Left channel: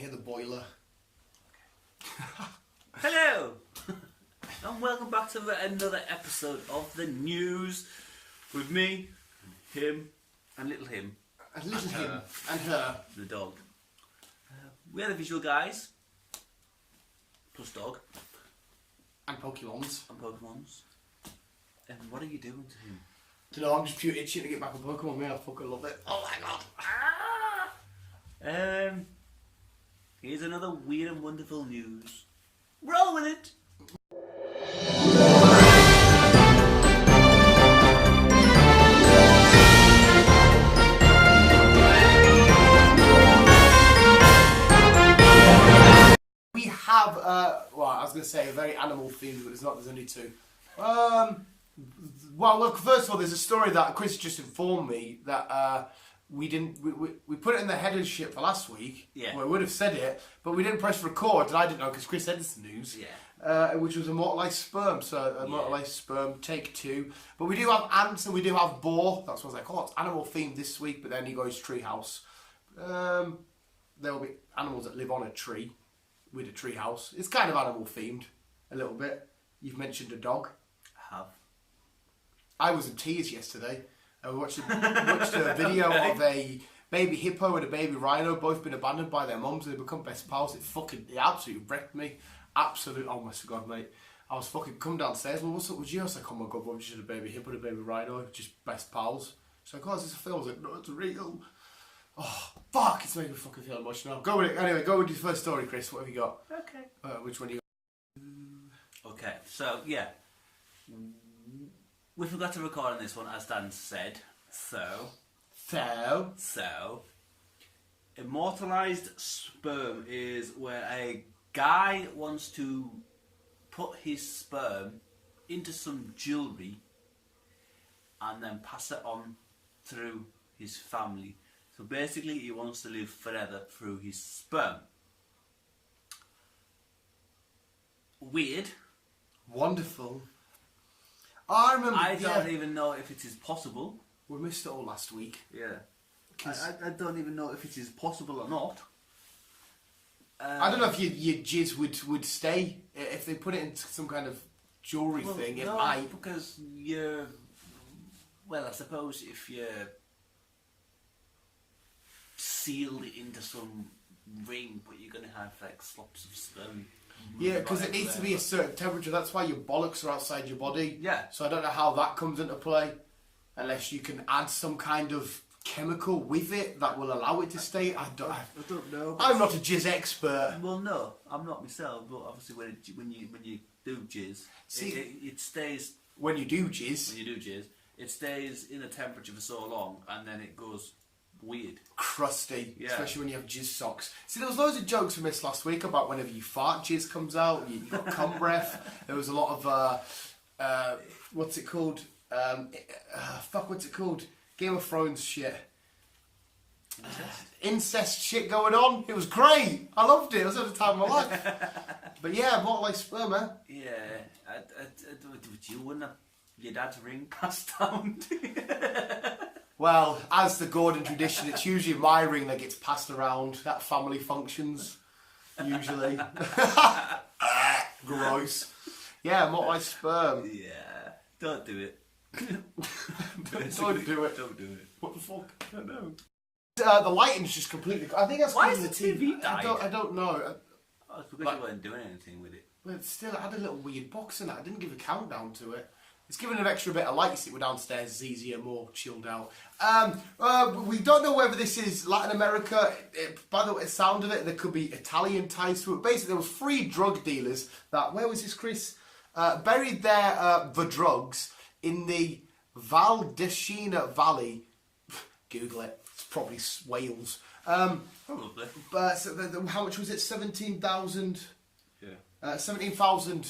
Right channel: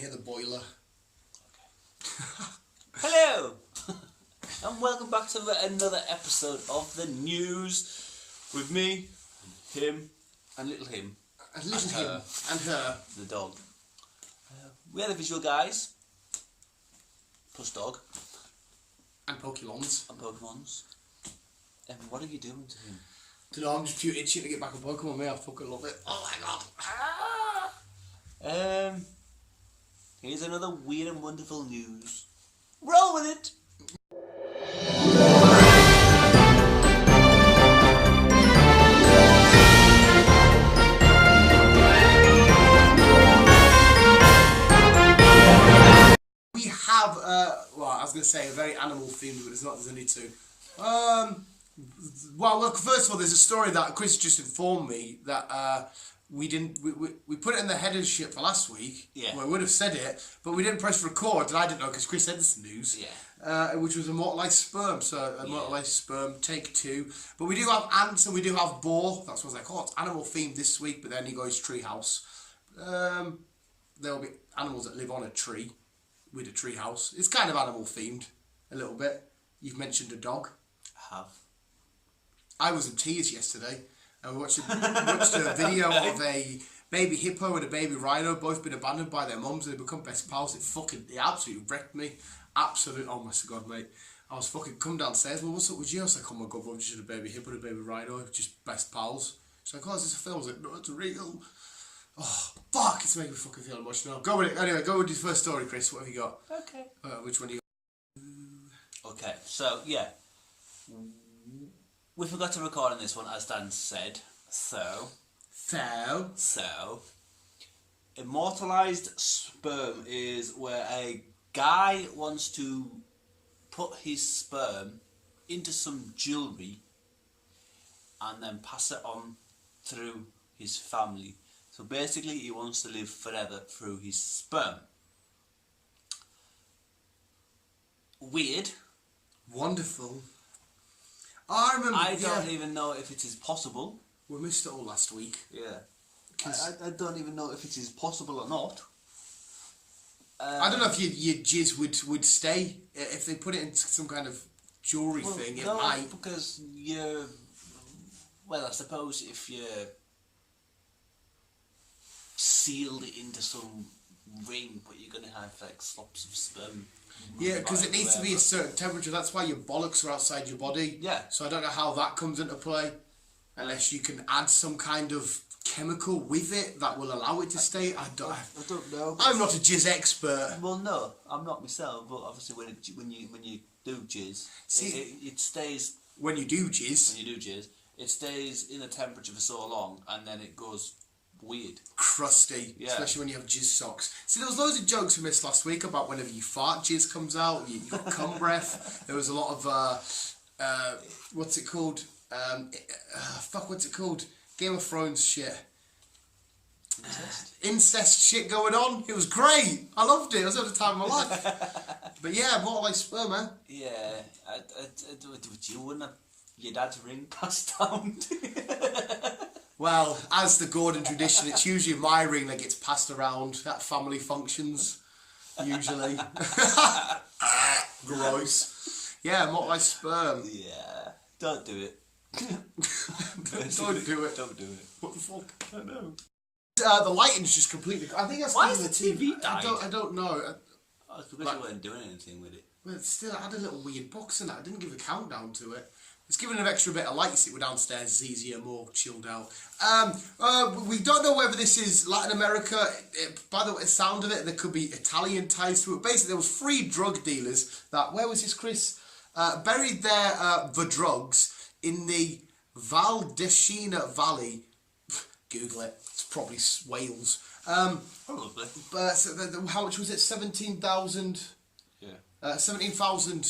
hear the boiler. Hello, and welcome back to another episode of the news with me, him, and little him. And little him. And her. The dog. We are the visual guys. Plus dog. And Pokemons. And Pokemons. And what are you doing to him? Don't know, I'm just pure itching to get back on Pokemon, mate. I fucking love it. Oh my god. Here's another weird and wonderful news. Roll with it! We have, well, I was going to say a very animal themed, but it's not, there's only two. Well, first of all, there's a story that Chris just informed me that we put it in the header shit for last week. Yeah. Well, we would have said it, but we didn't press record, and I didn't know because Chris said this news. Yeah. Which was Immortalised Sperm. So Immortalised Sperm, take 2. But we do have ants and we do have Boar. That's what I was like, oh, it's animal themed this week. But then he goes treehouse. There will be animals that live on a tree with a treehouse. It's kind of animal themed a little bit. You've mentioned a dog. I have. I was in tears yesterday. And we watched a video of a baby hippo and a baby rhino, both been abandoned by their mums and they become best pals. It absolutely wrecked me. Absolute, oh my god, mate. I was fucking come downstairs. Well, what's up with you? I was like, oh my god, what, just a baby hippo and a baby rhino, just best pals. She's like, oh, is this a film? I was like, no, it's real. Oh, fuck, it's making me fucking feel emotional. Go with it. Anyway, go with your first story, Chris. What have you got? Okay. Which one do you got? Okay, so, yeah. We forgot to record on this one, as Dan said. So, Immortalised Sperm is where a guy wants to put his sperm into some jewellery and then pass it on through his family. So basically he wants to live forever through his sperm. Weird. Wonderful. I remember. I don't even know if it is possible. We missed it all last week. Yeah. I don't even know if it is possible or not. I don't know if your jizz would stay if they put it into some kind of jewellery thing. It might, because you're. Well, I suppose if you're sealed into some ring, but you're gonna have like slops of sperm. Yeah, because it needs to be a certain temperature. That's why your bollocks are outside your body. Yeah. So I don't know how that comes into play, unless you can add some kind of chemical with it that will allow it to stay. I don't know. I'm not a jizz expert. Well, no, I'm not myself. But obviously, when you do jizz, it stays. When you do jizz, it stays in a temperature for so long, and then it goes weird, crusty. Yeah. Especially when you have jizz socks. See, there was loads of jokes we missed last week about whenever you fart, jizz comes out. You got cum breath. There was a lot of what's it called? What's it called? Game of Thrones shit. Incest shit going on. It was great. I loved it. It was at the time of my life. But yeah, more like sperm, man. Yeah, would you want your dad's ring passed down to you? Well, as the Gordon tradition, it's usually my ring that gets passed around at family functions. Usually. Gross. Yeah, more like sperm. Yeah, don't do it. Don't do it. Don't do it. What the fuck? I don't know. The lighting's just completely. I think that's why is the TV died? I don't know. I because you weren't doing anything with it. But still, I had a little weird box in it. I didn't give a countdown to it. It's giving an extra bit of light. You see, we're downstairs. It's easier, more chilled out. We don't know whether this is Latin America. By the sound of it, there could be Italian ties to it. Basically, there was 3 drug dealers that. Where was this, Chris? Buried the drugs in the Valdecina Valley. Google it. It's probably Wales. Probably. But so how much was it? 17,000. Yeah. 17,000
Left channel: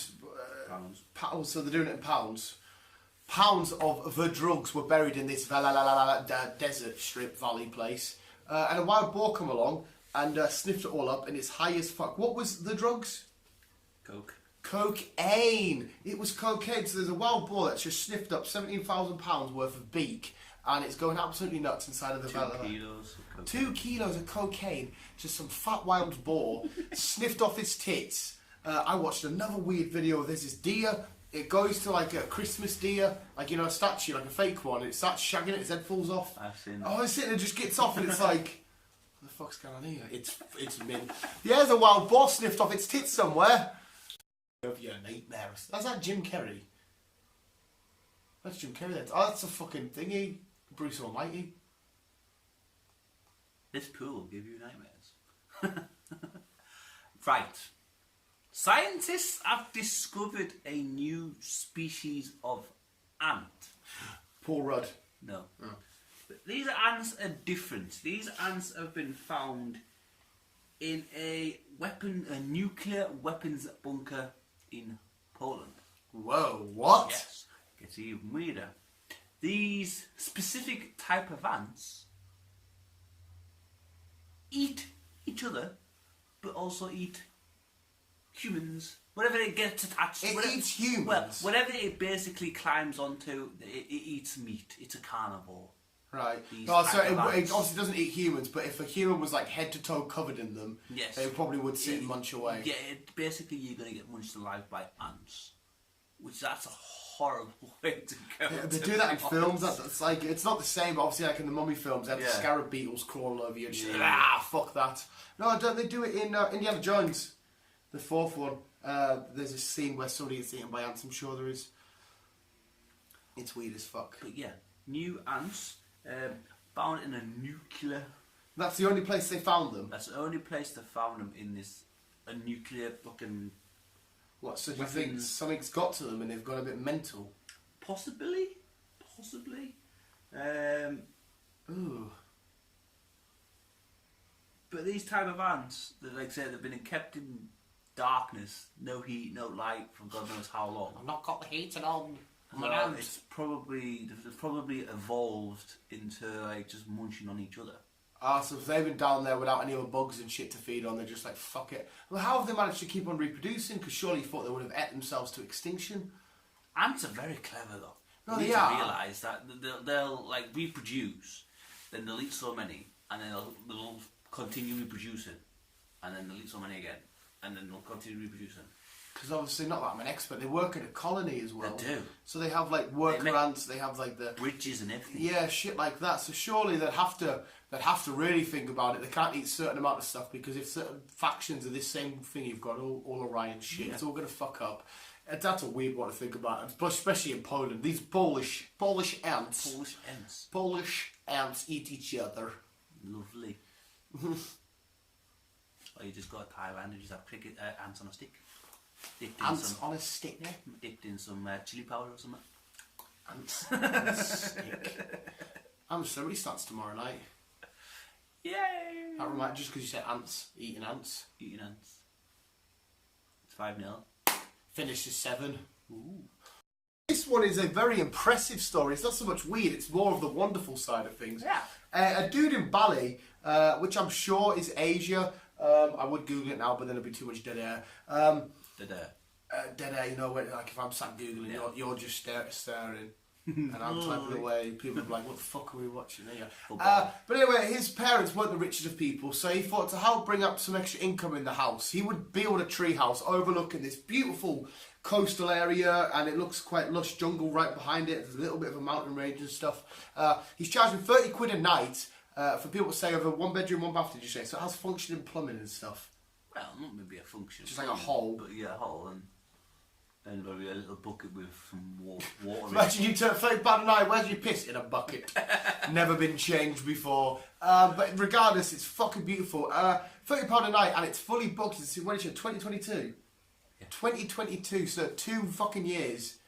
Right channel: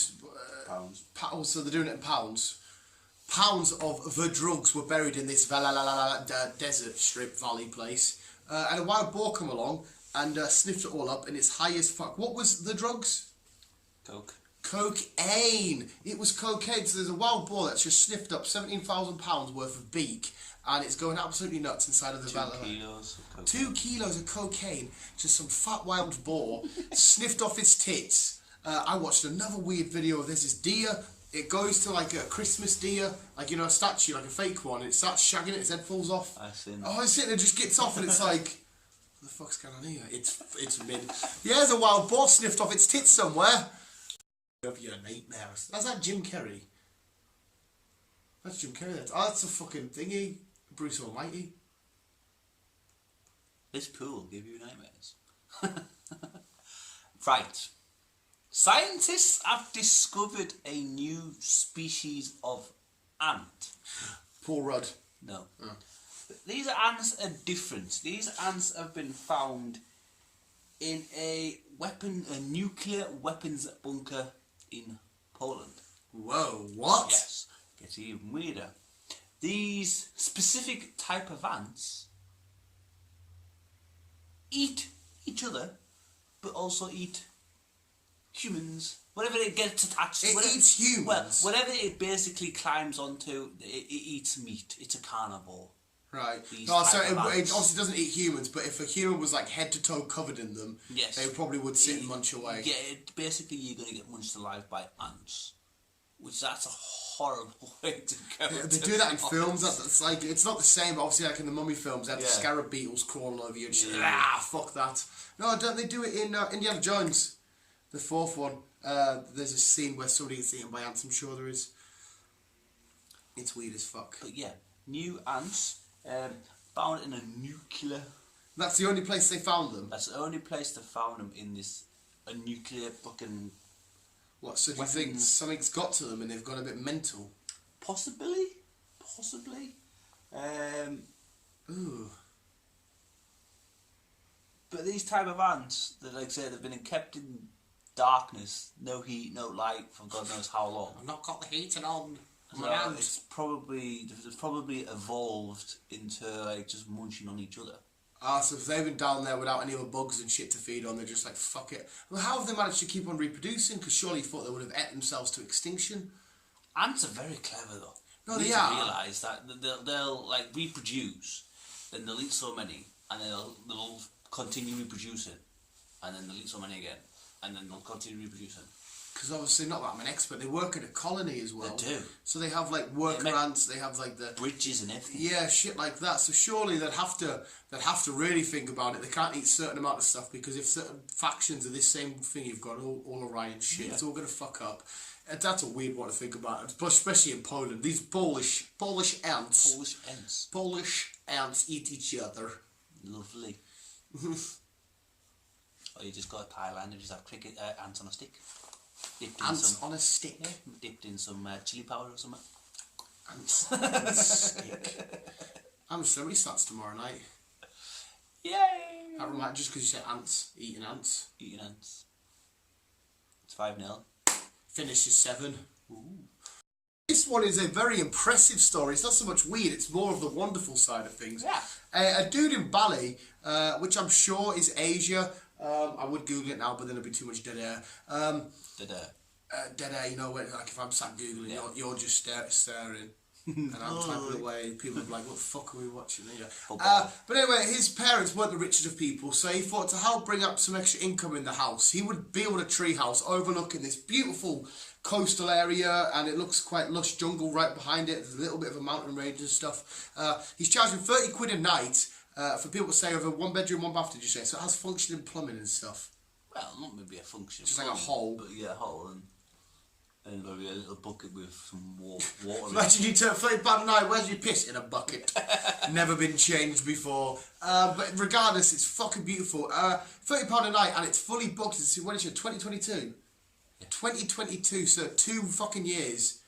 pounds. Pounds. So they're doing it in pounds. Pounds of the drugs were buried in this desert strip valley place. And a wild boar come along and sniffed it all up, and it's high as fuck. What was the drugs? Coke. cocaine. It was cocaine. So there's a wild boar that's just sniffed up £17,000 worth of beak, and it's going absolutely nuts inside of the valley. 2 kilos of cocaine. 2 kilos of cocaine. Just some fat wild boar sniffed off its tits. I watched another weird video of this. This deer. It goes to like a Christmas deer, like, you know, a statue, like a fake one, and it starts shagging it, its head falls off. I've seen Oh, it's sitting there, just gets off, and it's like, what the fuck's going on here? It's mint. Yeah, there's a wild boar sniffed off its tits somewhere. Of your nightmares. That's that Jim Carrey. That's Jim Carrey. Oh, that's a fucking thingy. Bruce Almighty. This pool will give you nightmares. Right. Scientists have discovered a new species of ant. Paul Rudd. No. Oh. These ants are different. These ants have been found in a nuclear weapons bunker in Poland. Whoa, what? Yes. Gets even weirder. These specific type of ants eat each other, but also eat humans. Whatever it gets attached to. It eats humans? Well, whatever it basically climbs onto, it eats meat. It's a carnivore. Right. Oh, so it obviously doesn't eat humans, but if a human was like head to toe covered in them, yes, they probably would sit and munch away. Yeah, basically you're going to get munched alive by ants. Which, that's a horrible way to go. Yeah, they do that in films. That's like, it's not the same, but obviously like in the Mummy films, they have the scarab beetles crawling over you and shit. Fuck that. No, don't they do it in Indiana Jones? The 4th one. There's a scene where somebody gets eaten by ants, I'm sure there is. It's weird as fuck. But yeah, new ants, found in a nuclear... That's the only place they found them? That's the only place they found them, in a nuclear fucking... What, so do you think something's got to them and they've gone a bit mental? Possibly. Ooh. But these type of ants, that, like I say, they've been kept in darkness, no heat, no light, for God knows how long. I've not got the heating on. It's probably evolved into like just munching on each other. So if they've been down there without any other bugs and shit to feed on, they're just like, fuck it. Well, how have they managed to keep on reproducing? Because surely you thought they would have ate themselves to extinction. Ants are very clever though. No, they are. Realise that they'll like reproduce, then they'll eat so many, and then they'll continue reproducing, and then they'll eat so many again, and then they'll continue reproducing. Because obviously, not that I'm an expert, they work in a colony as well. They do. So they have like worker ants, they have like the bridges and everything. Yeah, shit like that. So surely they'd have to really think about it. They can't eat a certain amount of stuff, because if certain factions of this same thing you've got, all Orion shit, it's all gonna fuck up. That's a weird one to think about, especially in Poland. These Polish ants. Polish ants eat each other. Lovely. Or you just go to Thailand and just have cricket ants on a stick. Ants on a stick? Yeah, dipped in some chili powder or something. Ants on a stick. I'm celebrity starts tomorrow night. Yay! That reminds, just because you said ants, eating ants. Eating ants. It's 5-0. Finish is 7. Ooh. This one is a very impressive story. It's not so much weird, it's more of the wonderful side of things. Yeah. A dude in Bali, which I'm sure is Asia. I would Google it now, but then it'd be too much dead air. Dead air, you know, like if I'm sat Googling, you're just staring. And I'm typing away. People are like, what the fuck are we watching here? But anyway, his parents weren't the richest of people, so he thought to help bring up some extra income in the house, he would build a tree house overlooking this beautiful coastal area, and it looks quite lush jungle right behind it. There's a little bit of a mountain range and stuff. He's charging 30 quid a night for people to stay over 1 bedroom, 1 bath, did you say? So it has functioning plumbing and stuff. Well, not maybe a function. Just like a hole. But yeah, a hole and maybe a little bucket with some water. Imagine you turn £30 a night, where's your piss? In a bucket. Never been changed before. But regardless, it's fucking beautiful. £30 a night, and it's fully booked. When is it? 2022? Yeah. 2022, so 2 fucking years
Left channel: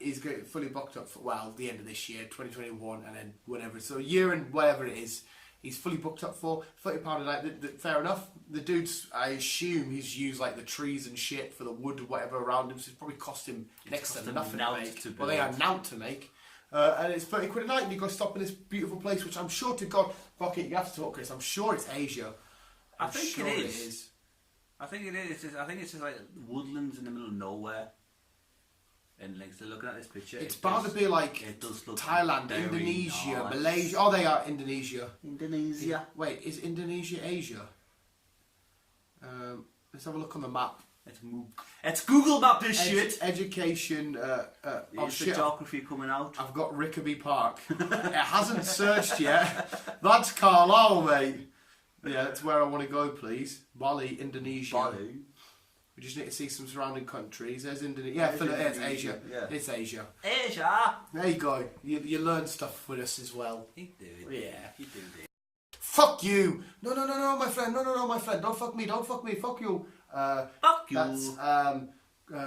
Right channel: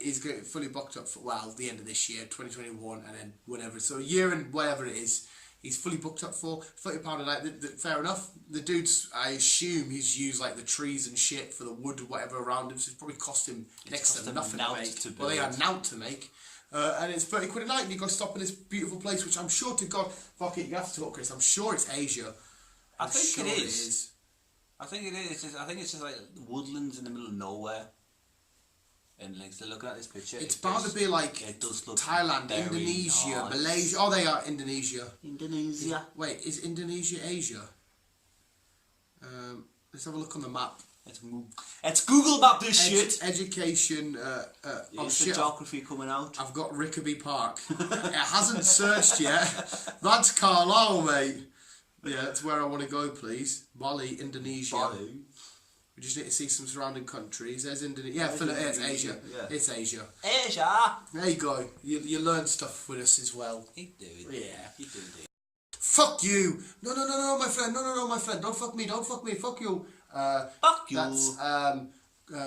is fully booked up for, well, the end of this year, 2021, and then whenever. So a year and whatever it is, he's fully booked up for £30 a night. Fair enough. The dude's, I assume he's used like the trees and shit for the wood or whatever around him, so it's probably cost him next to nothing to make. Well, they are naught to make. And it's 30 quid a night, and you go stop in this beautiful place, which I'm sure to God, fuck it, you have to talk, Chris. I'm sure it's Asia. I think it is. I think it is. I think it's just like woodlands in the middle of nowhere. And like they're looking at this picture. It's bound to be like Thailand, Indonesia, nice. Malaysia. Oh, they are Indonesia. Indonesia. Wait, is Indonesia Asia? Let's have a look on the map. It's Google Map this shit. Education. Oh shit! Geography coming out. I've got Rickaby Park. It hasn't searched yet. That's Carlisle, mate. Yeah, that's where I want to go, please. Bali, Indonesia. Bali. We just need to see some surrounding countries. There's Indonesia. Yeah, it's Asia. Yeah. It's Asia. Asia. There you go. You learn stuff with us as well. You do. Yeah. You do. Fuck you! No, my friend. No, my friend. Don't fuck me. Fuck you. Fuck you. That's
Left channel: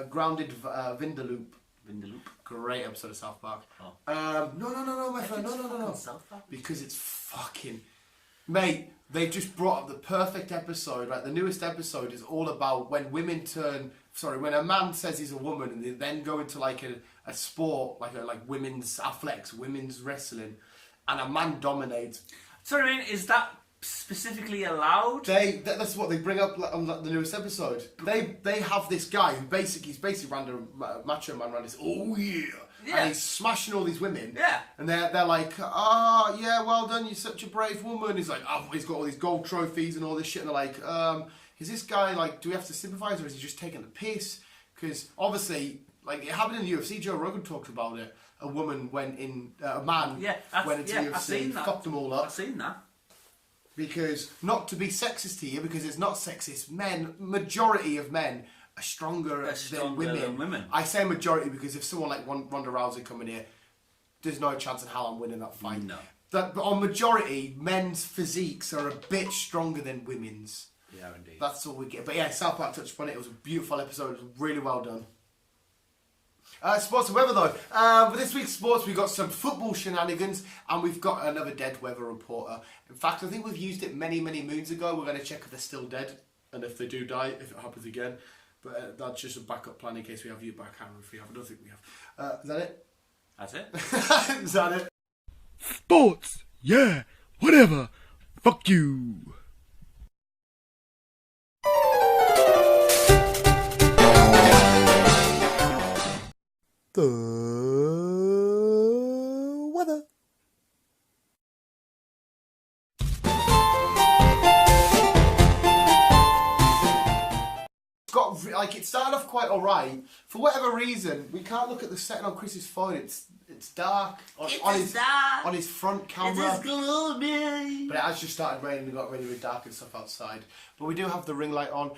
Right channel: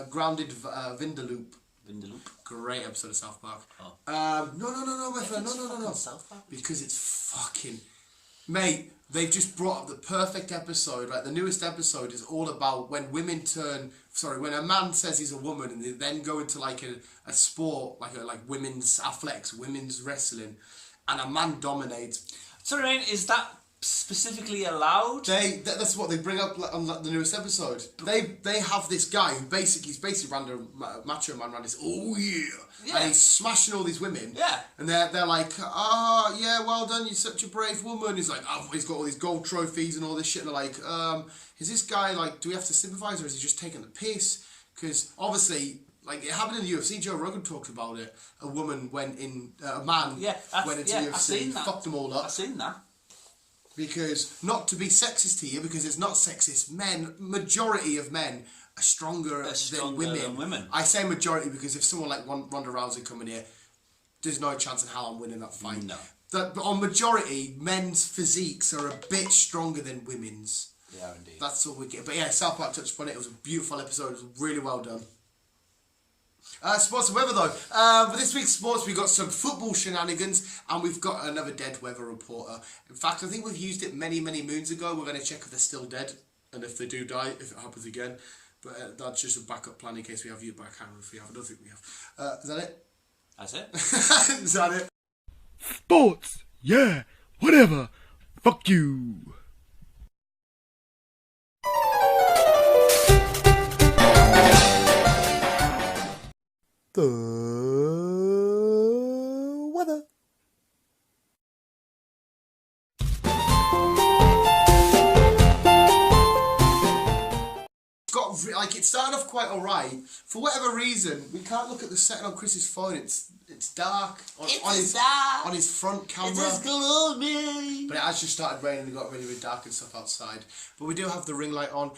Grounded Vindaloop. Vindaloop. Great episode of South Park. Oh. No, my friend. No. South Park? Because it's fucking... Mate, they've just brought up the perfect episode. Right, the newest episode is all about when women turn... Sorry, when a man says he's a woman and they then go into like a sport, like women's athletics, women's wrestling, and a man dominates. Sorry, I mean, is that specifically allowed? That's what they bring up on the newest episode. They have this guy who he's basically random macho man around this. Oh yeah, and he's smashing all these women. Yeah, and they're like, yeah, well done, you're such a brave woman. He's like, he's got all these gold trophies and all this shit. And they're like, is this guy like, do we have to sympathise or is he just taking the piss? Because obviously, like it happened in the UFC. Joe Rogan talked about it. A woman went in, a man went into UFC, fucked them all up. I've seen that. Because, not to be sexist here, because it's not sexist, majority of men are stronger than women. I say majority because if someone like Ronda Rousey coming here, there's no chance in hell I'm winning that fight. No. But on majority, men's physiques are a bit stronger than women's. Yeah, indeed. That's all we get. But yeah, South Park touched upon it. It was a beautiful episode. It was really well done. Sports and weather though. For this week's sports, we've got some football shenanigans and we've got another dead weather reporter. In fact, I think we've used it many moons ago. We're going to check if they're still dead and if they do die, if it happens again. But that's just a backup plan in case we have you back. I don't think we have. Is that it? That's it. Is that it? Sports, yeah, whatever. Fuck you. The weather. It started off quite alright. For whatever reason, we can't look at the setting on Chris's phone. It's dark on his front camera. It's gloomy. But it has just started raining and got really dark and stuff outside. But we do have the ring light on.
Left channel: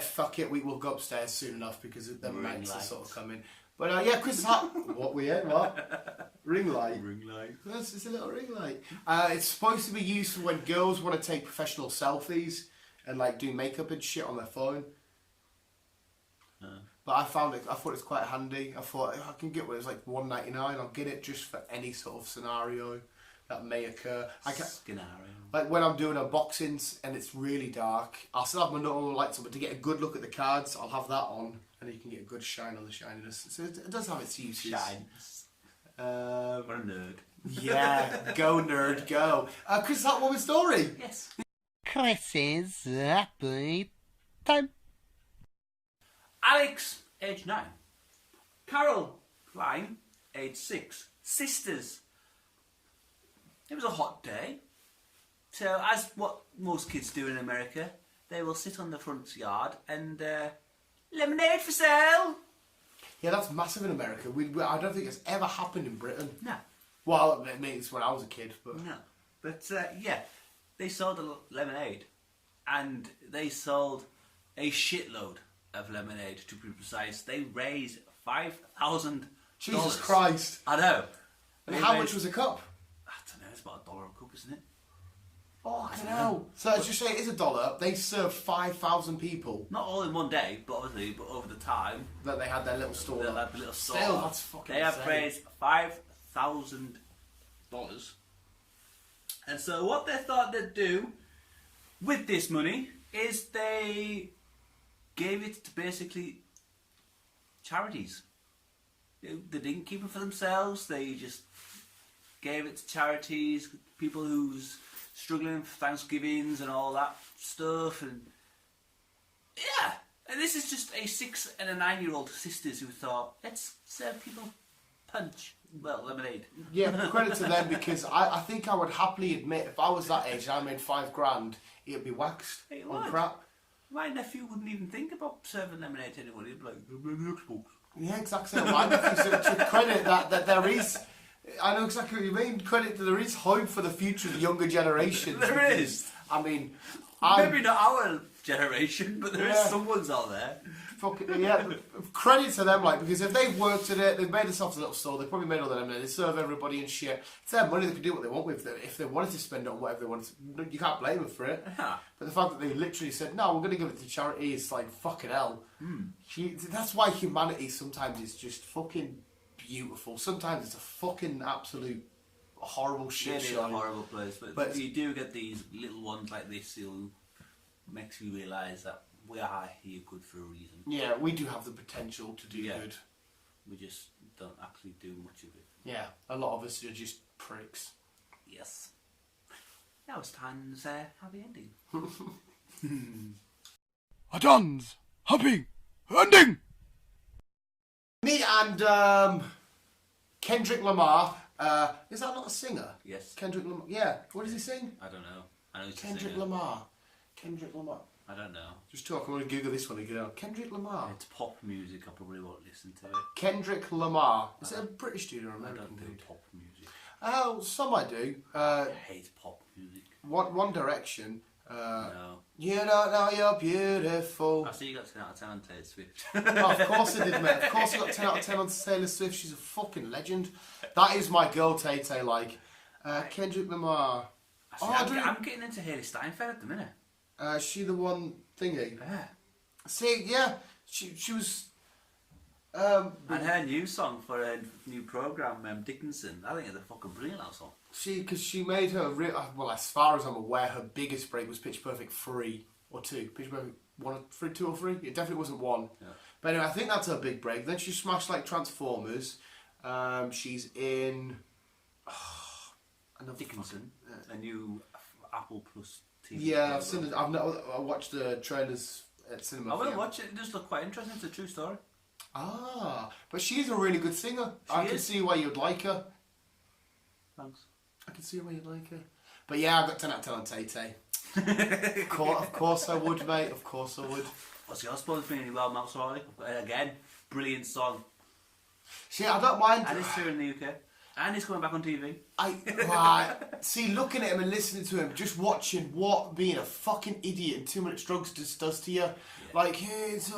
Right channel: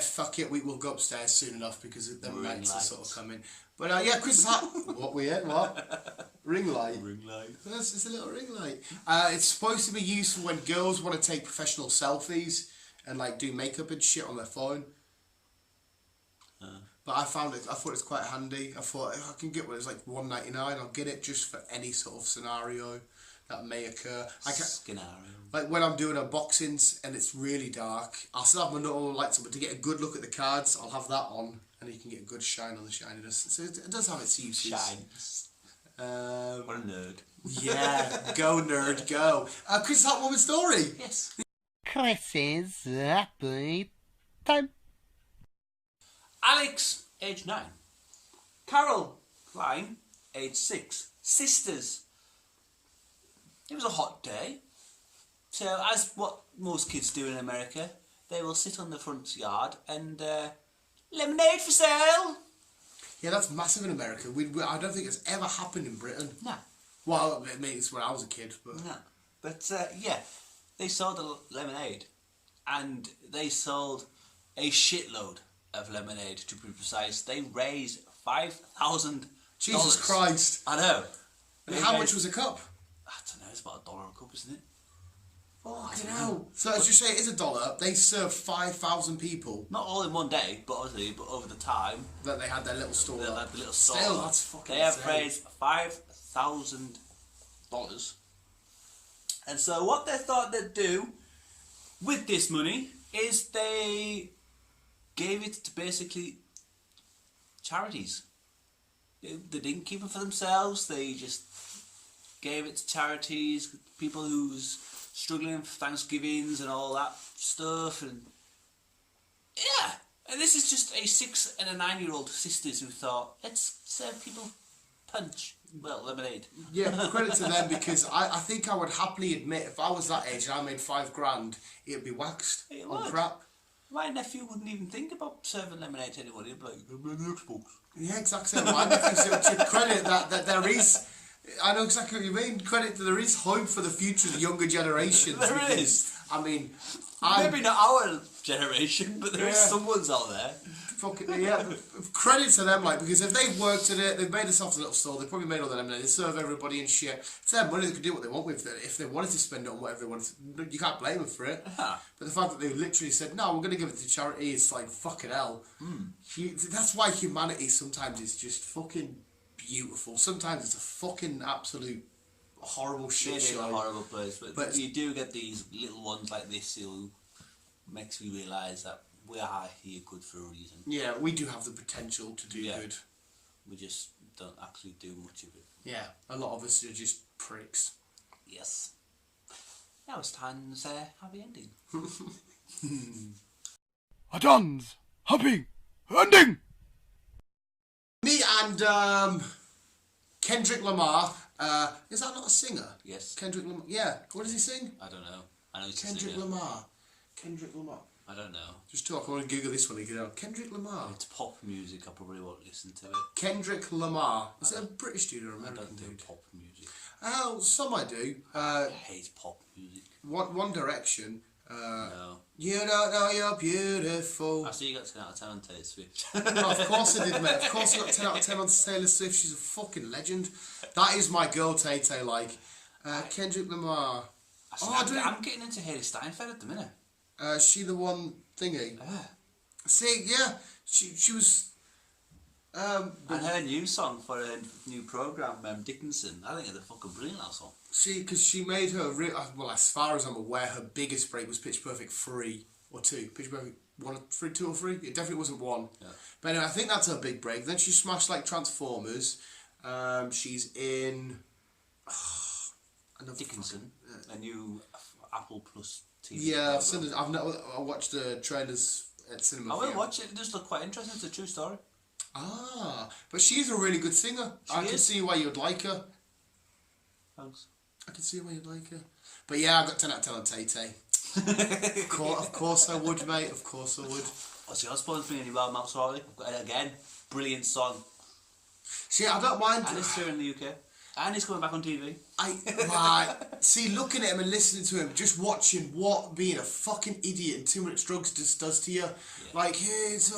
Fuck it, we will go upstairs soon enough because them nights are sort of coming. But yeah, Chris's hat. What we had? What? Ring light. Ring light. It's just a little ring light. It's supposed to be used for when girls want to take professional selfies and like do makeup and shit on their phone. But I thought it was quite handy. I thought if I can get one, it's like $1.99. I'll get it just for any sort of scenario that may occur. Like when I'm doing unboxings and it's really dark, I'll still have my normal lights on, but to get a good look at the cards, I'll have that on, and you can get a good shine on the shininess. So it does have its uses. Shines. What a nerd. Yeah, go nerd, go. Chris, that woman's story. Yes. Chris's happy time. Alex, age 9. Carol, Klein, age 6. Sisters. It was a hot day. So, as what most kids do in America, they will sit on the front yard and lemonade for sale. Yeah, that's massive in America. I don't think it's ever happened in Britain. No. Well, I mean, it's when I was a kid, but... No. But, yeah, they sold the lemonade. And they sold a shitload of lemonade, to be precise. They raised $5,000. Jesus Christ. I know. And how much was a cup? I don't know, it's about $1 a cup, isn't it? Fucking hell. So let's just say it is $1. They served 5,000 people. Not all in one day, but obviously, but over the time. That they had their little store. They had the little store. Still, that's fucking They have insane. raised $5,000. And so what they thought they'd do with this money is they gave it to basically charities. They didn't keep it for themselves. They just gave it to charities, people who's struggling for Thanksgivings and all that stuff. And Yeah. And this is just a 6 and a 9-year-old sisters who thought, let's serve people punch. Well, lemonade. Yeah, credit to them, because I think I would happily admit if I was that age and I made £5,000, it'd be waxed It on would. crap. My nephew wouldn't even think about serving lemonade to anyone. He'd be like, "I'm on the Xbox." Yeah, exactly. My nephew, to credit that there is, I know exactly what you mean. Credit that there is hope for the future of the younger generations. There because, is. I mean, Maybe not our generation, but there is Yeah. someone's out there. Credit to them, like, because if they've worked at it, they've made themselves a little store, they probably made all the lemonade, they serve everybody and shit. It's their money, they can do what they want with it. If they wanted to spend it on whatever they wanted to, you can't blame them for it. Yeah. But the fact that they literally said, no, we're going to give it to charity, is like, fucking hell. That's why humanity sometimes is just fucking beautiful. Sometimes it's a fucking absolute horrible shit Maybe show. a horrible place, but you do get these little ones like this who makes you realise that we are here good for a reason. Yeah, we do have the potential to do good. We just don't actually do much of it. Yeah, a lot of us are just pricks. Yes. Now it's time to say happy ending. A dance, happy ending. Me and Kendrick Lamar. Is that not a singer? Yes. Kendrick Lamar. Yeah. What does he sing? I don't know. I know it's a Kendrick singer. Lamar. Kendrick Lamar. I don't know. Just talk. I want to Google this one and get out. Kendrick Lamar. It's pop music. I probably won't listen to it. Kendrick Lamar. Is it a British dude or I American don't do dude? pop music. Oh, some I do. I hate pop music. One Direction. No. You don't know you're beautiful. I see you got 10 out of 10 on Taylor Swift. Oh, of course I did, mate. Of course I got 10 out of 10 on Taylor Swift. She's a fucking legend. That is my girl, Tay-Tay, like. Kendrick Lamar. I'm getting into Hayley Steinfeld at the minute. She the one thingy. Yeah. See, yeah. She was... And her new song for a new programme, Dickinson, I think it's a fucking brilliant that song. Because she made her... well, as far as I'm aware, her biggest break was Pitch Perfect 3 or 2. Pitch Perfect 1 or 3, 2 or 3? It definitely wasn't 1. Yeah. But anyway, I think that's her big break. Then she smashed, like, Transformers. She's in... Dickinson, a new Apple Plus TV. Yeah, I've seen it. I watched the trailers at cinema. I will watch it. It does look quite interesting. It's a true story. Ah, but she's a really good singer. I can see why you'd like her. Thanks. I can see why you'd like her. But yeah, I've got 10 out of 10 on Tay-Tay. Of course I would, mate. Of course I would. What's your supposed to be in Wild Mouth Sorry? Again, brilliant song. See, I don't mind. And it's here in the UK. And he's coming back on TV. See, looking at him and listening to him, just watching what being a fucking idiot and too much drugs just does to you. Yeah. Like, it's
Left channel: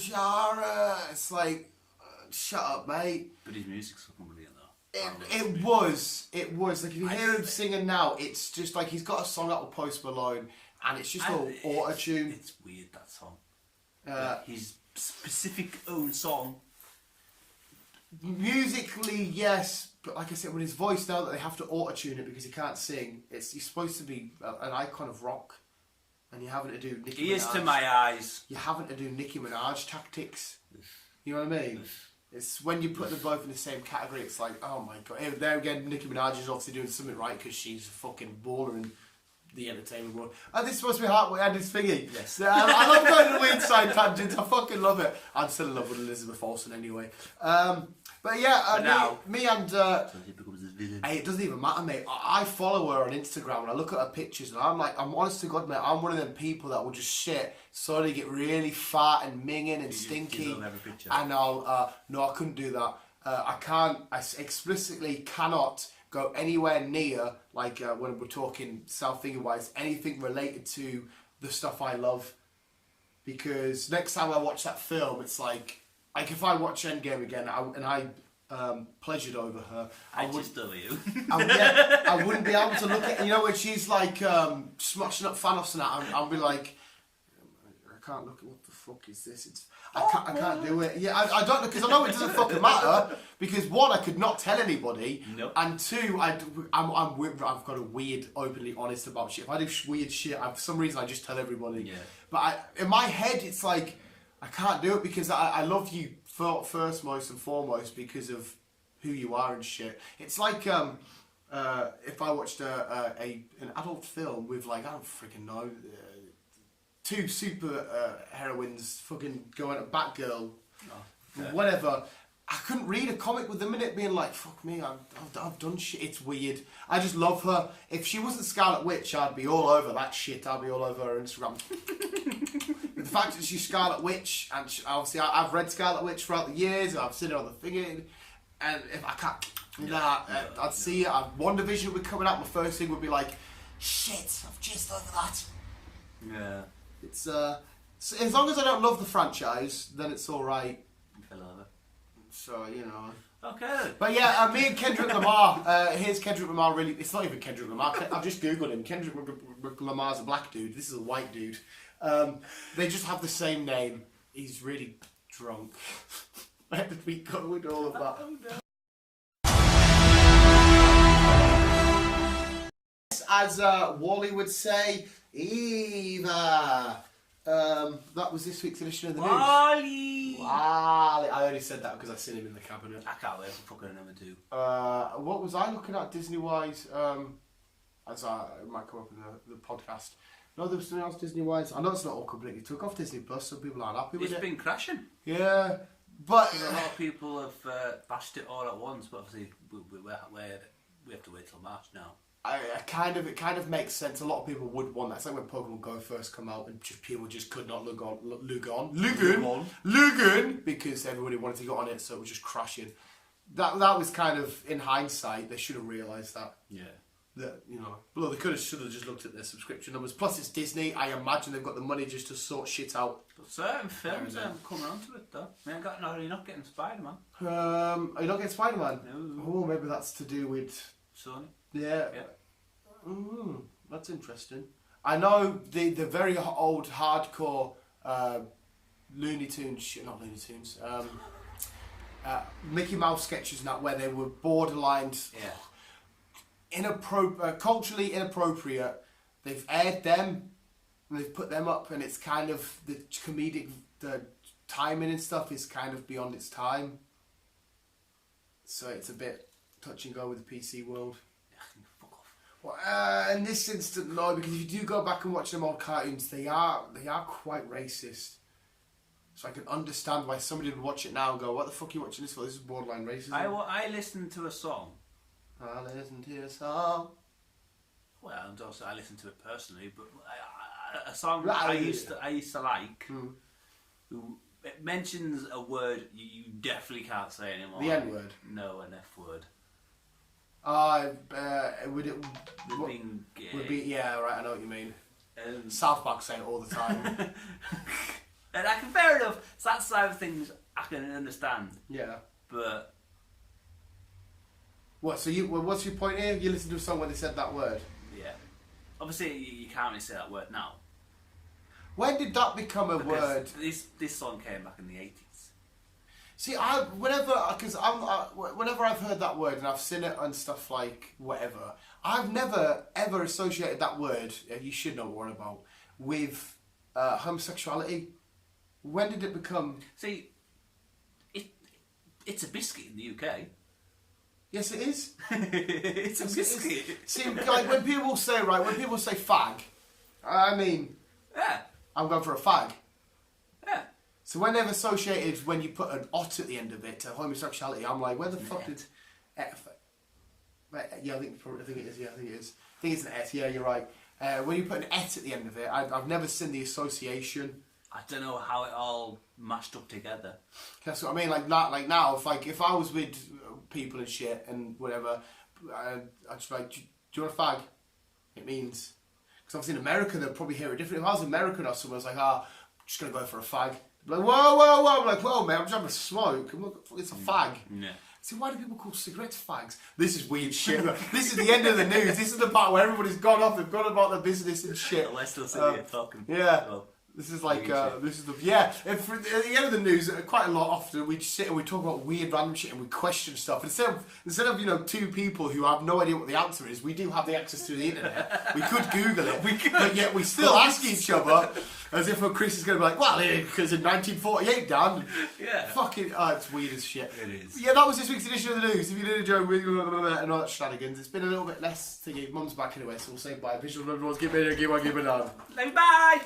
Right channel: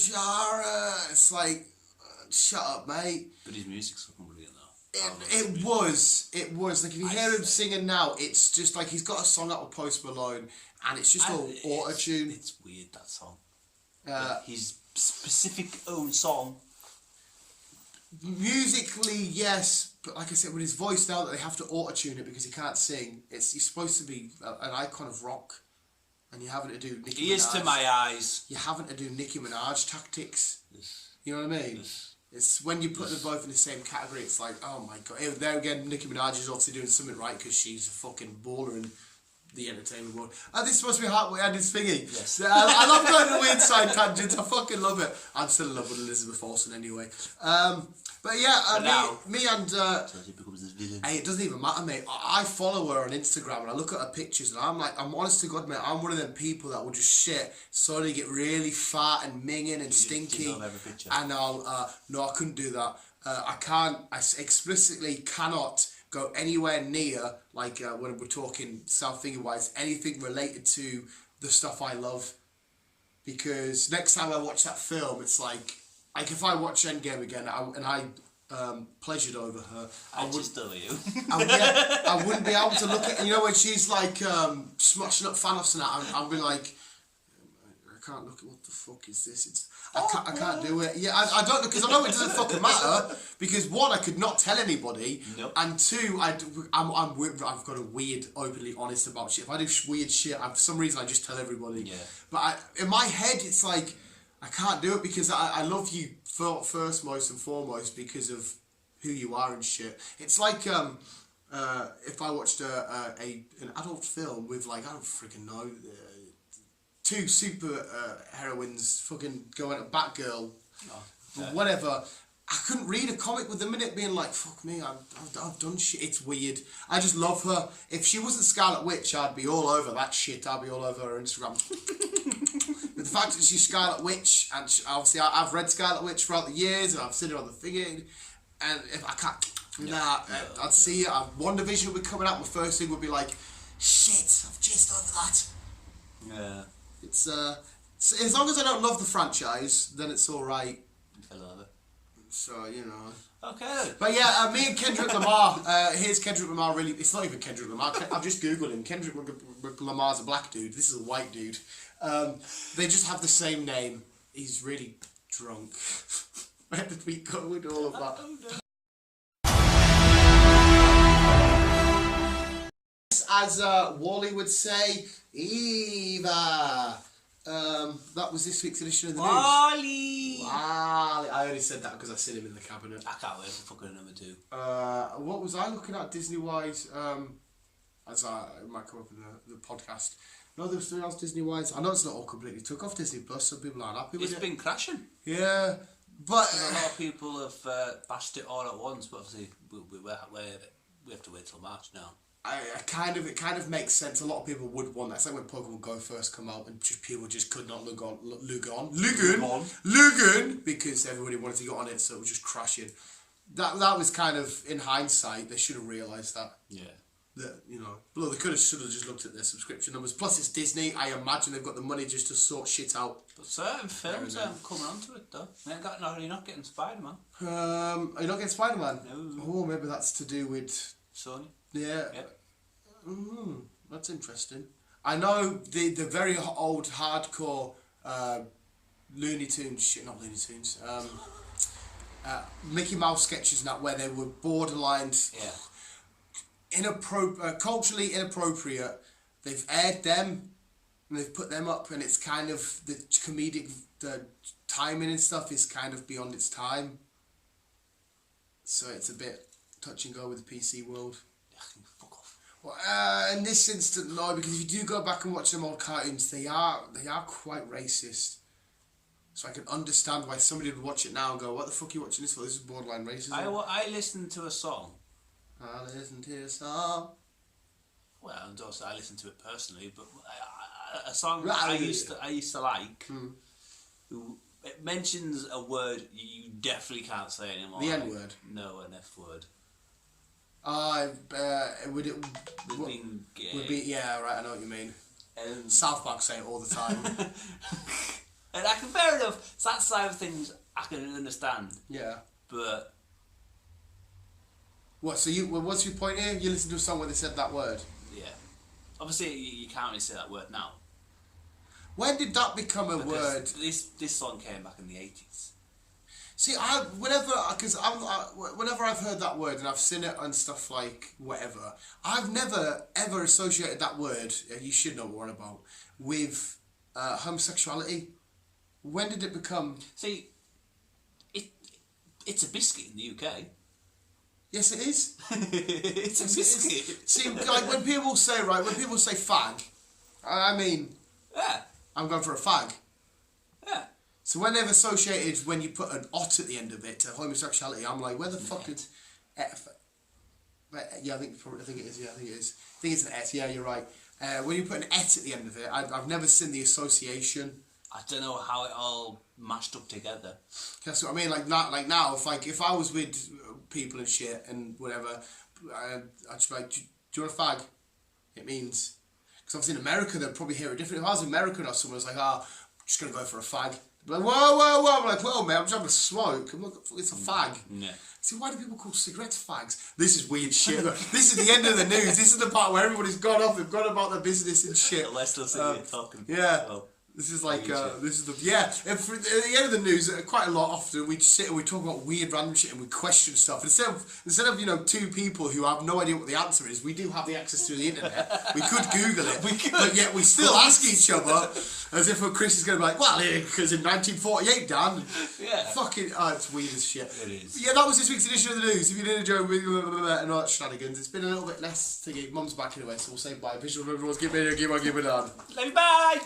Shara. It's like, shut up, mate. But his music's fucking brilliant, though. It was. Like, if you hear him singing now, it's just like he's got a song out with Post Malone, and it's just all auto-tune. It's weird, that song. His specific own song. Musically, yes, but like I said, with his voice now that they have to auto-tune it because he can't sing, he's supposed to be an icon of rock, and you're having to do Nicki Minaj. He is to my eyes. You're having to do Nicki Minaj tactics. You know what I mean? It's when you put them both in the same category, it's like, oh my god. There again, Nicki Minaj is obviously doing something right because she's a fucking baller in the entertainment world. And this is supposed to be and it's thingy. Yes. I love going to weird side tangents. I fucking love it. I'm still in love with Elizabeth Olsen anyway. But yeah, me and... Hey, it doesn't even matter, mate. I follow her on Instagram and I look at her pictures and I'm like, I'm honest to God, mate, I'm one of them people that will just shit, slowly get really fat and minging and stinky. And I'll... no, I couldn't do that. I explicitly cannot go anywhere near, like when we're talking self-thinking wise, anything related to the stuff I love. Because next time I watch that film, it's like if I watch Endgame again and I pleasured over her, I wouldn't be able to look at, when she's like smashing up Thanos and that, I'll be like, I can't look at what the fuck is this. I can't do it. Yeah, I don't know, because I know it doesn't fucking matter. Because one, I could not tell anybody, and two, I've got a weird, openly honest about shit. If I do weird shit, for some reason I just tell everybody. Yeah. But in my head, it's like I can't do it because I love you first, most and foremost, because of who you are and shit. It's like if I watched an adult film with, like, I don't freaking know, two super heroines fucking going at Batgirl, Okay. whatever. I couldn't read a comic with them in it being like, fuck me, I've done shit. It's weird. I just love her. If she wasn't Scarlet Witch, I'd be all over that shit. I'd be all over her Instagram. But the fact that she's Scarlet Witch, and obviously I've read Scarlet Witch throughout the years, and I've seen it on the thing, and if I can't, I'd see it. WandaVision would be coming out. My first thing would be like, shit, I've just over that. Yeah. It's as long as I don't love the franchise, then it's all right. I love it. So, you know. Okay. But yeah, me and Kendrick Lamar, here's Kendrick Lamar really, it's not even Kendrick Lamar, I've just googled him. Kendrick Lamar's a black dude, this is a white dude. They just have the same name. He's really drunk. Where did we go with all of that? As Wally would say, Eva. That was this week's edition of the news. Wally! I only said that because I seen him in the cabinet. I can't wait for fucking number 2. What was I looking at Disney-wise? As it might come up in the podcast. No, there was something else Disney-wise. I know it's not all completely took off Disney Plus. Some people aren't happy with it. It's been crashing. Yeah, but A lot of people have bashed it all at once, but obviously we have to wait till March now. it kind of makes sense. A lot of people would want that. It's like when Pokemon Go first come out and people just could not Lugon because everybody wanted to get on it, so it was just crashing. That was kind of, in hindsight, they should have realised that. Yeah. That, you know, well, they should have just looked at their subscription numbers. Plus, it's Disney. I imagine they've got the money just to sort shit out. But certain films are coming onto it though. You're not getting Spider-Man. Are you not getting Spider-Man? No. Oh, maybe that's to do with Sony. yeah. That's interesting. I know the very old hardcore Looney Tunes shit, not Looney Tunes. Mickey Mouse sketches and that, where they were borderline. Yeah. Culturally inappropriate. They've aired them and they've put them up, and it's kind of the comedic, the timing and stuff is kind of beyond its time. So it's a bit touch and go with the PC world. Fuck off. Well, in this instance, no, because if you do go back and watch them old cartoons, they are quite racist. So I can understand why somebody would watch it now and go, "What the fuck are you watching this for? This is borderline racism." I listened to a song. I listen to a song. Well, and also I listened to it personally, but a song that I used to like. It mentions a word you definitely can't say anymore. The N word. No, an F word. Would be yeah, right. I know what you mean. South Park say it all the time. And I can, fair enough. It's that side of things I can understand. Yeah. But what? So what's your point here? You listen to a song where they said that word. yeah, obviously you can't really say that word now. When did that become a word? This song came back in the 80s. See, whenever I've heard that word and I've seen it and stuff like whatever, I've never ever associated that word. You should know what we're on about with homosexuality. When did it become? See, it's a biscuit in the UK. Yes, it is. It's a biscuit. See, like when people say fag, I mean, Yeah. I'm going for a fag. Yeah. So when they've associated when you put an ot at the end of it to homosexuality, I'm like, where the fuck did? Yeah, I think it is. Yeah, I think it is. I think it's an et. Yeah, you're right. When you put an et at the end of it, I've never seen the association. I don't know how it all mashed up together. That's what I mean. Like now, if I was with people and shit and whatever, I'd just be like, do you want a fag? It means, because obviously in America they'll probably hear it different. If I was American or someone was like, I'm just gonna go for a fag. They'd be like, whoa. I'm like, whoa, man, I'm just having a smoke. It's a fag. Yeah. See, why do people call cigarettes fags? This is weird shit. This is the end of the news. This is the part where everybody's gone off. They've gone about their business and shit. Well, they're still sitting here talking. Yeah. Well, this is like, this is the, yeah. At the end of the news, quite a lot often, we just sit and we talk about weird random shit and we question stuff. Instead of two people who have no idea what the answer is, we do have the access to the internet. We could Google it, but yet we still ask each other as if Chris is going to be like, well, because in 1948, Dan. Yeah. Fucking, it's weird as shit. It is. Yeah, that was this week's edition of the news. If you did enjoy and all that shenanigans, it's been a little bit less thingy. Mum's back anyway, so we'll say bye. Visual, everyone's give it on. Bye.